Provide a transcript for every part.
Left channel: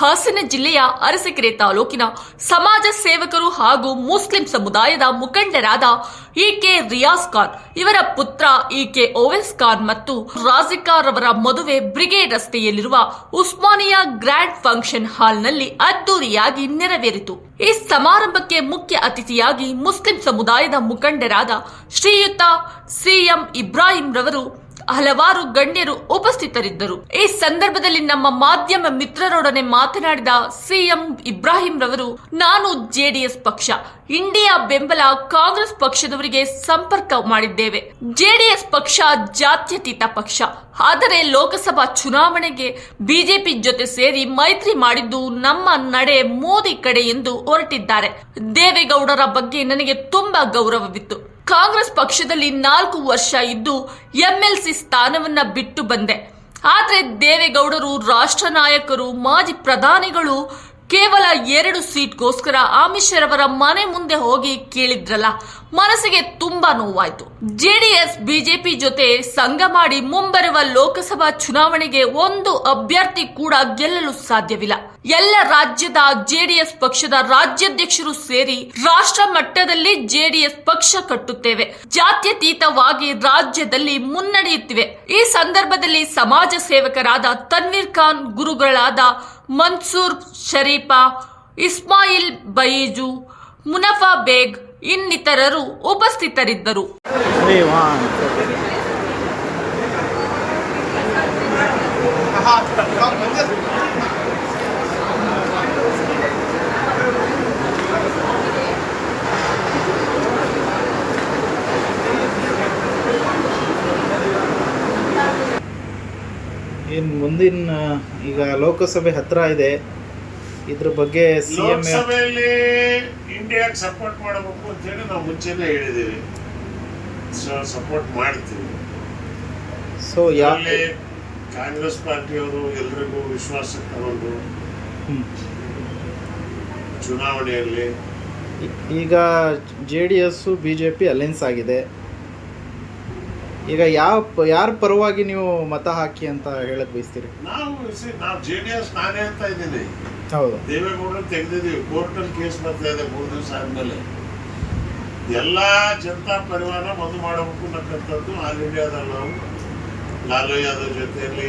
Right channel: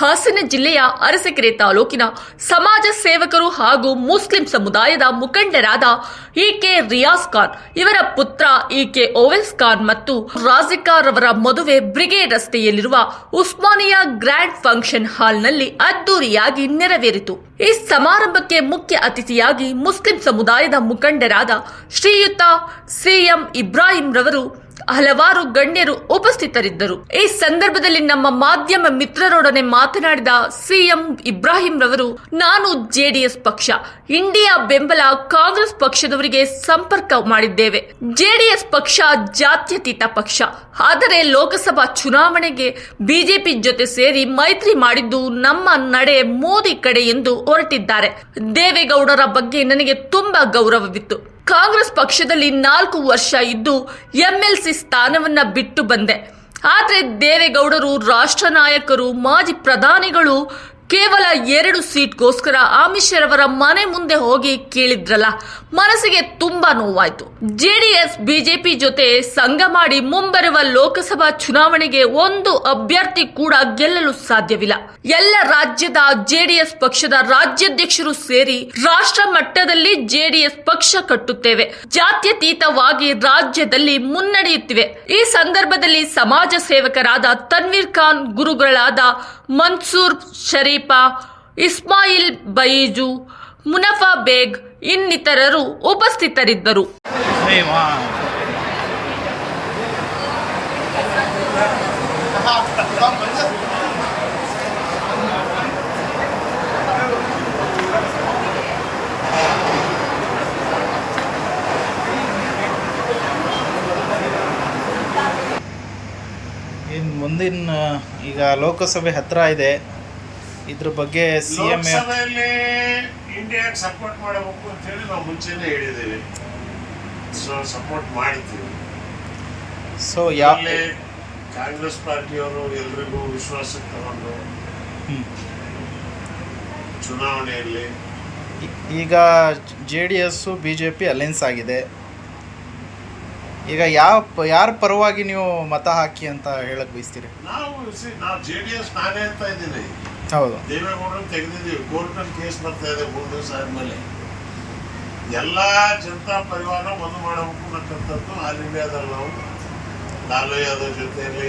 ಹಾಸನ ಜಿಲ್ಲೆಯ ಅರಸಕೆರೆ ತಾಲೂಕಿನ ಸಮಾಜ ಸೇವಕರು ಹಾಗೂ ಮುಸ್ಲಿಂ ಸಮುದಾಯದ ಮುಖಂಡರಾದ ಇಕೆ ರಿಯಾಜ್ ಖಾನ್ ಇವರ ಪುತ್ರ ಇಕೆ ಓವೆಸ್ ಖಾನ್ ಮತ್ತು ರಾಜಿಕಾ ರವರ ಮದುವೆ ಬ್ರಿಗೇಡ್ ರಸ್ತೆಯಲ್ಲಿರುವ ಉಸ್ಮಾನಿಯಾ ಗ್ರ್ಯಾಂಡ್ ಫಂಕ್ಷನ್ ಹಾಲ್ನಲ್ಲಿ ಅದ್ದೂರಿಯಾಗಿ ನೆರವೇರಿತು. ಈ ಸಮಾರಂಭಕ್ಕೆ ಮುಖ್ಯ ಅತಿಥಿಯಾಗಿ ಮುಸ್ಲಿಂ ಸಮುದಾಯದ ಮುಖಂಡರಾದ ಶ್ರೀಯುತ ಸಿಎಂ ಇಬ್ರಾಹಿಂ ರವರು ಹಲವಾರು ಗಣ್ಯರು ಉಪಸ್ಥಿತರಿದ್ದರು. ಈ ಸಂದರ್ಭದಲ್ಲಿ ನಮ್ಮ ಮಾಧ್ಯಮ ಮಿತ್ರರೊಡನೆ ಮಾತನಾಡಿದ ಸಿಎಂ ಇಬ್ರಾಹಿಂ ರವರು, ನಾನು ಜೆಡಿಎಸ್ ಪಕ್ಷ, ಇಂಡಿಯಾ ಬೆಂಬಲ ಕಾಂಗ್ರೆಸ್ ಪಕ್ಷದವರಿಗೆ ಸಂಪರ್ಕ ಮಾಡಿದ್ದೇವೆ. ಜೆಡಿಎಸ್ ಪಕ್ಷ ಜಾತ್ಯತೀತ ಪಕ್ಷ, ಆದರೆ ಲೋಕಸಭಾ ಚುನಾವಣೆಗೆ ಬಿಜೆಪಿ ಜೊತೆ ಸೇರಿ ಮೈತ್ರಿ ಮಾಡಿದ್ದು ನಮ್ಮ ನಡೆ ಮೋದಿ ಕಡೆ ಎಂದು ಹೊರಟಿದ್ದಾರೆ. ದೇವೇಗೌಡರ ಬಗ್ಗೆ ನನಗೆ ತುಂಬಾ ಗೌರವವಿತ್ತು. ಕಾಂಗ್ರೆಸ್ ಪಕ್ಷದಲ್ಲಿ 4 ವರ್ಷ ಇದ್ದು ಎಂಎಲ್ಸಿ ಸ್ಥಾನವನ್ನ ಬಿಟ್ಟು ಬಂದೆ. ಆದರೆ ದೇವೇಗೌಡರು ರಾಷ್ಟ್ರ ನಾಯಕರು, ಮಾಜಿ ಪ್ರಧಾನಿಗಳು ಕೇವಲ 2 ಸೀಟ್ಗೋಸ್ಕರ ಅಮಿತ್ ಮನೆ ಮುಂದೆ ಹೋಗಿ ಕೇಳಿದ್ರಲ್ಲ, ಮನಸ್ಸಿಗೆ ತುಂಬಾ ನೋವಾಯ್ತು. ಜೆಡಿಎಸ್ ಬಿಜೆಪಿ ಜೊತೆ ಸಂಘ ಮಾಡಿ ಮುಂಬರುವ ಲೋಕಸಭಾ ಚುನಾವಣೆಗೆ ಒಂದು ಅಭ್ಯರ್ಥಿ ಕೂಡ ಗೆಲ್ಲಲು ಸಾಧ್ಯವಿಲ್ಲ. ಎಲ್ಲ ರಾಜ್ಯದ ಜೆಡಿಎಸ್ ಪಕ್ಷದ ರಾಜ್ಯಾಧ್ಯಕ್ಷರು ಸೇರಿ ರಾಷ್ಟ್ರ ಮಟ್ಟದಲ್ಲಿ ಜೆಡಿಎಸ್ ಪಕ್ಷ ಕಟ್ಟುತ್ತೇವೆ. ಜಾತ್ಯತೀತವಾಗಿ ರಾಜ್ಯದಲ್ಲಿ ಮುನ್ನಡೆಯುತ್ತಿವೆ. ಈ ಸಂದರ್ಭದಲ್ಲಿ ಸಮಾಜ ಸೇವಕರಾದ ತನ್ವೀರ್ ಖಾನ್, ಗುರುಗಳಾದ ಮನ್ಸೂರ್ ಶರೀಫಾ, ಇಸ್ಮಾಯಿಲ್ ಬಯೀಜು, ಮುನಫಾ ಬೇಗ್ ಇನ್ನಿತರರು ಉಪಸ್ಥಿತರಿದ್ದರು. ಇನ್ನು ಮುಂದಿನ ಈಗ ಲೋಕಸಭೆ ಹತ್ರ ಇದೆ, ಇದ್ರ ಬಗ್ಗೆ ಸಿಎಂ ಇಂಡಿಯಾಗೆ ಸಪೋರ್ಟ್ ಮಾಡಬೇಕು ಅಂತೇಳಿ ನಾವು ಮುಂಚೆನೇ ಹೇಳಿದ್ದೀವಿ. ಸಪೋರ್ಟ್ ಮಾಡ್ತೀವಿ. ಸೊ ಕಾಂಗ್ರೆಸ್ ಪಾರ್ಟಿಯವರು ಎಲ್ರಿಗೂ ವಿಶ್ವಾಸಕ್ಕೆ ತಗೊಂಡು ಚುನಾವಣೆಯಲ್ಲಿ ಈಗ ಜೆಡಿಎಸ್ ಬಿಜೆಪಿ ಅಲೈನ್ಸ್ ಆಗಿದೆ. ಈಗ ಯಾರ ಪರವಾಗಿ ನೀವು ಮತ ಹಾಕಿ ಅಂತ ಹೇಳಕ್ ಬಯಸ್ತೀರಿ? ನಾವು ಜೆಡಿಎಸ್ ನಾನೇ ಅಂತ ಇದ್ದೀನಿ. ಹೌದು, ದೇವೇಗೌಡರು ತೆಗೆದಿದ್ದೀವಿ. ಕೋರ್ಟಲ್ಲಿ ಕೇಸ್ ಬರ್ತಾ ಇದೆ 3 ದಿವಸ ಆದ್ಮೇಲೆ. ಎಲ್ಲ ಜನತಾ ಪರಿವಾರ ಒಂದು ಮಾಡಬೇಕು ಅನ್ನಕ್ಕಂಥದ್ದು ಆಲ್ ಇಂಡಿಯಾದಲ್ಲಿ ನಾವು ಲಾಲು ಯಾದವ್ ಜೊತೆಯಲ್ಲಿ,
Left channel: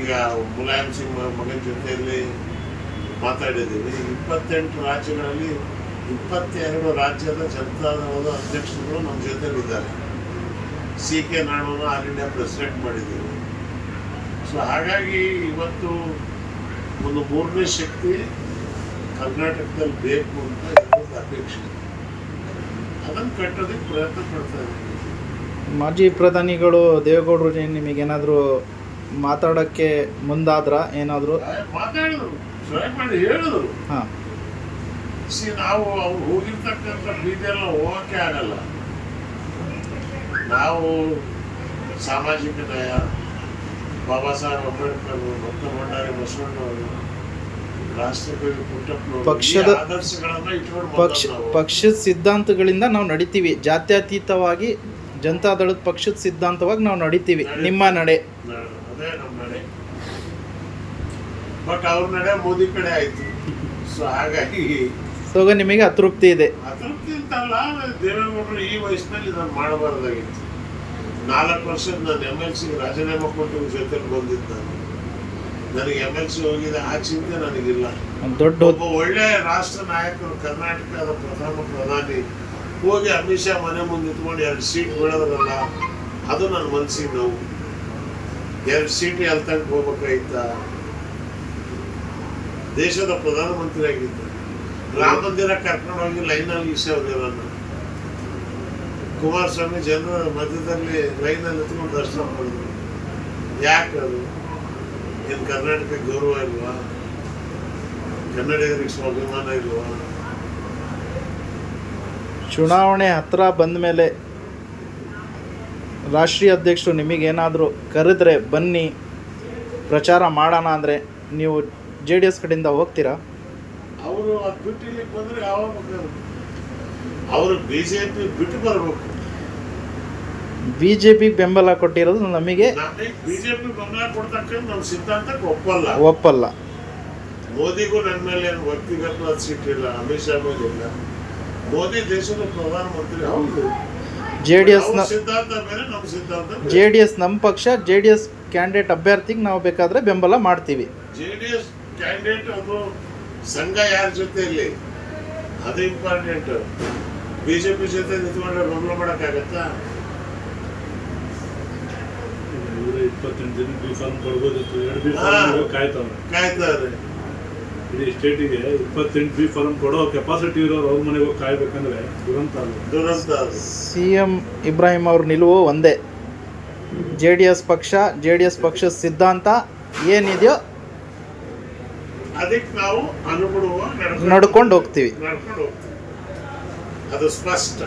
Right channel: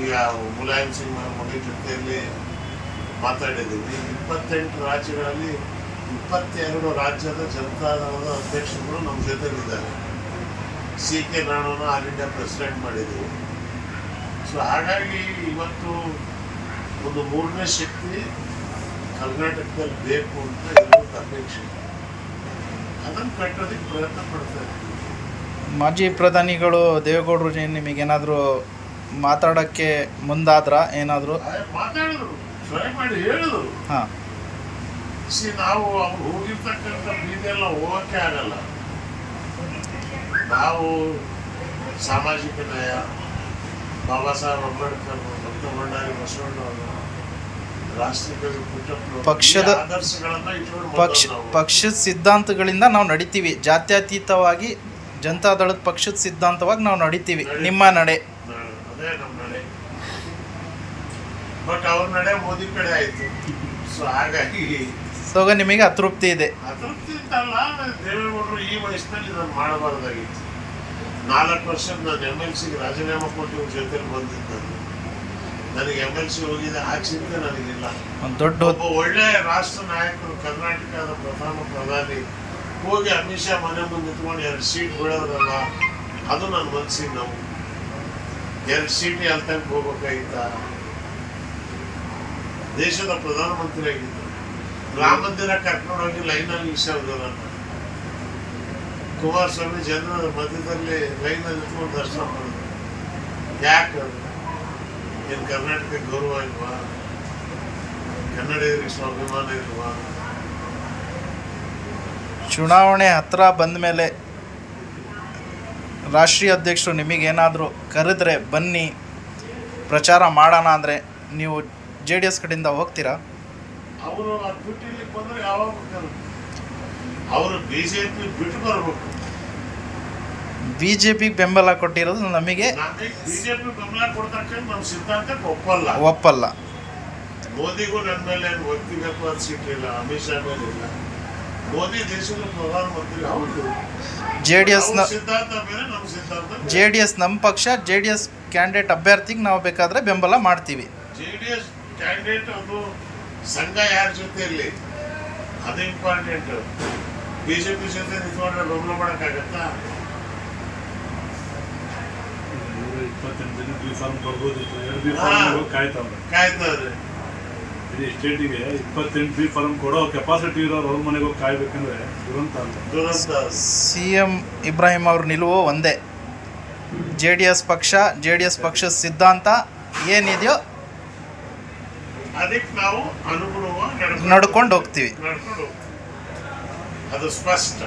ಈಗ ಮುಲಾಯಂ ಸಿಂಗ್ ಮಗನ ಜೊತೆಯಲ್ಲಿ ಮಾತಾಡಿದ್ದೀವಿ. 28 ರಾಜ್ಯಗಳಲ್ಲಿ 22 ರಾಜ್ಯದ ಜನತಾದಳದ ಅಧ್ಯಕ್ಷರುಗಳು ನಮ್ಮ ಜೊತೆಲಿದ್ದಾರೆ. CK ನಾಣವನ್ನ ಆಲ್ ಇಂಡಿಯಾ ಪ್ರೆಸಿಡೆಂಟ್ ಮಾಡಿದ್ದೀವಿ. ಸೊ ಹಾಗಾಗಿ ಇವತ್ತು ಒಂದು 3ನೇ ಶಕ್ತಿ ಕರ್ನಾಟಕದಲ್ಲಿ ಬೇಕು ಅಂತ ಇರೋದು ಅಪೇಕ್ಷೆ. ಅದನ್ನು ಕಟ್ಟೋದಕ್ಕೆ ಪ್ರಯತ್ನ ಪಡ್ತಾ ಇದ್ದೀವಿ. ಮಾಜಿ ಪ್ರಧಾನಿಗಳು ದೇವೇಗೌಡರು ನಿಮಗೇನಾದರೂ ಮಾತಾಡೋಕ್ಕೆ ಮುಂದಾದ್ರ? ಏನಾದರೂ ಮಾತಾಡಿದ್ರು, ಟ್ರೈ ಮಾಡಿ ಹೇಳಿದ್ರು. ಹಾಂ, ನಾವು ಅವ್ರು ಹೋಗಿರ್ತಕ್ಕಂಥ ಬೀದಿಯೆಲ್ಲ ಹೋಗೋಕ್ಕೆ ಆಗಲ್ಲ. ನಾವು ಸಾಮಾಜಿಕ ನ್ಯಾಯ, ಬಾಬಾ ಸಾಹೇಬ್ ಅಂಬೇಡ್ಕರ್, ಡಾಕ್ಟರ್ ಭಂಡಾರಿ ಬಸವಣ್ಣವರು, ರಾಷ್ಟ್ರಕವಿ ಪುಟ್ಟಪ್ಪನವರು, ಪಕ್ಷದ ಆದರ್ಶಗಳನ್ನ ಇಟ್ಕೊಂಡು ಪಕ್ಷದ ಸಿದ್ಧಾಂತಗಳಿಂದ ನಾವು ನಡಿತೀವಿ. ಜಾತ್ಯತೀತವಾಗಿ ಜನತಾದಳದ ಪಕ್ಷದ ಸಿದ್ಧಾಂತವಾಗಿ ನಾವು ನಡಿತೀವಿ. ನಿಮ್ಮ ನಡೆ ಅದೇ ನಮ್ಮ ನಡೆ. ಬಟ್ ಅವ್ರ ನಡೆ ಮೋದಿ ಕಡೆ ಆಯ್ತು. ಸೊ ಹಾಗಾಗಿ ನಿಮಗೆ ಅತೃಪ್ತಿ ಇದೆ? ಅತೃಪ್ತಿ ಅಂತಲ್ಲ, ದೇವೇಗೌಡರು ಈ ವಯಸ್ಸಿನಲ್ಲಿ ಇದನ್ನು ಮಾಡಬಾರ್ದಾಗಿತ್ತು. 4 ವರ್ಷ ನಾನು MLC ರಾಜೀನಾಮೆ ಕೊಟ್ಟು ಜೊತೆಲಿ ಬಂದಿದ್ದ. ನನಗೆ MLC ಹೋಗಿದ್ದೆ, ಆ ಚಿಂತೆ ನನಗಿಲ್ಲ. ಒಬ್ಬ ಒಳ್ಳೆ ರಾಷ್ಟ್ರ ನಾಯಕರು, ಕರ್ನಾಟಕದ ಪ್ರಥಮ ಪ್ರಧಾನಿ ಹೋಗಿ ಅಮಿತ್ ಶಾ ಮನೆ ಮುಂದೆ ಇಟ್ಕೊಂಡು 2 ಸೀಟ್ ಬಿಡೋದಲ್ಲ, ಅದು ನನ್ನ ಮನಸ್ಸಿಗೆ ನೋವು. 2 ಸೀಟ್ ಎಲ್ತಂಗೆ ಹೋಗ್ಬೇಕಾಗಿತ್ತ? ದೇಶದ ಪ್ರಧಾನಮಂತ್ರಿ ಆಗಿದ್ದ. ರಾಮ ಮಂದಿರ ಕರ್ಕೊಂಡು ಹೋಗಿ ಲೈನಲ್ಲಿ ಈಶ್ವರನ್ನ ಕುಮಾರಸ್ವಾಮಿ ಜನರ ಮಧ್ಯದಲ್ಲಿ ಲೈನಲ್ಲಿ ಎತ್ಕೊಂಡು ದರ್ಶನ ಮಾಡಿದ್ರು. ಯಾಕೆ ಅದು? ಏನು ಕರ್ನಾಟಕಕ್ಕೆ ಗೌರವ ಇಲ್ವಾ? ಕನ್ನಡಿಗರಿಗೆ ಸ್ವಾಭಿಮಾನ ಇಲ್ವಾ? ಚುನಾವಣೆ ಹತ್ರ ಬಂದ ಮೇಲೆ ರಾಷ್ಟ್ರೀಯ ಅಧ್ಯಕ್ಷರು ನಿಮಗೇನಾದರೂ ಕರೆದ್ರೆ ಬನ್ನಿ ಪ್ರಚಾರ ಮಾಡೋಣ ಅಂದರೆ ನೀವು JDS ಕಡೆಯಿಂದ ಹೋಗ್ತೀರಾ? ಅವರು ಬಿಟ್ಟಿಲಿಕ್ಕೆ ಬಂದರೆ ಯಾವಾಗ ಬೇಕಾದ್ರು ಅವರು ಬಿಜೆಪಿ ಬಿಟ್ಟು ಬರಬೇಕು. ಬಿಜೆಪಿ ಬೆಂಬಲ ಕೊಟ್ಟಿರೋದು ನಮಗೆ ಬಿಜೆಪಿ ಬೆಂಬಲ ಕೊಡ್ತಕ್ಕಂಥ ನಮ್ಮ ಸಿದ್ಧಾಂತಕ್ಕೆ ಒಪ್ಪಲ್ಲ. ಮೋದಿಗೂ ನನ್ನ ಮೇಲೆ ಏನು ವ್ಯಕ್ತಿಗತವಾದ ಸಿಟ್ಟಿಲ್ಲ, ಅಮಿತ್ ಶಾ ಮೇಲೆ ಇಲ್ಲ. ಮೋದಿ ದೇಶದ ಪ್ರಧಾನಮಂತ್ರಿ. ಹೌದು, JDSನ ಅವ್ರ ಸಿದ್ಧಾಂತ ಬೇರೆ, ನಮ್ಮ ಸಿದ್ಧಾಂತ ಬೇರೆ. JDS ನಮ್ಮ ಪಕ್ಷ, JDS ಕ್ಯಾಂಡಿಡೇಟ್ ಅಭ್ಯರ್ಥಿಗೆ ನಾವು ಬೇಕಾದರೆ ಬೆಂಬಲ ಮಾಡ್ತೀವಿ. JDS ಕ್ಯಾಂಡಿಡೇಟ್ ಅದು ಸಂಘ ಯಾರ ಜೊತೆ ಇರಲಿ ಅದು ಇಂಪಾರ್ಟೆಂಟ್. ಬಿಜೆಪಿ ಜೊತೆ ನಿಂತ್ಕೊಂಡ್ರೆ ಬೆಂಬಲ ಮಾಡೋಕ್ಕಾಗತ್ತಾ? 28 ದಿನ ಬಿ ಫಾರ್ಮ್ ಕೊಡ್ಬೋದಿತ್ತು, 2 ಬಿ ಫಾರ್ಮ್ ಕಾಯ್ತಾರೆ. ಇಡೀ ಸ್ಟೇಟಿಗೆ 28 ಬಿ ಫಾರ್ಮ್ ಕೊಡೋ ಕೆಪಾಸಿಟಿ ಇರೋರು ಅವ್ರ ಮನೆಗೆ ಹೋಗಿ ಕಾಯ್ಬೇಕಂದ್ರೆ ದುರಂತ ಅಲ್ವಾ? ದುರಂತ. CM ಇಬ್ರಾಹಿಂ ಅವ್ರ ನಿಲುವು ಒಂದೇ. JDS ಪಕ್ಷದ ಸಿದ್ಧಾಂತ ಏನಿದೆಯೋ ಅದಕ್ಕೆ ನಾವು ಅನುಗುಣವಾಗಿ ನಡ್ಕೊಂಡು ಹೋಗ್ತೀವಿ. ಅದು ಸ್ಪಷ್ಟ.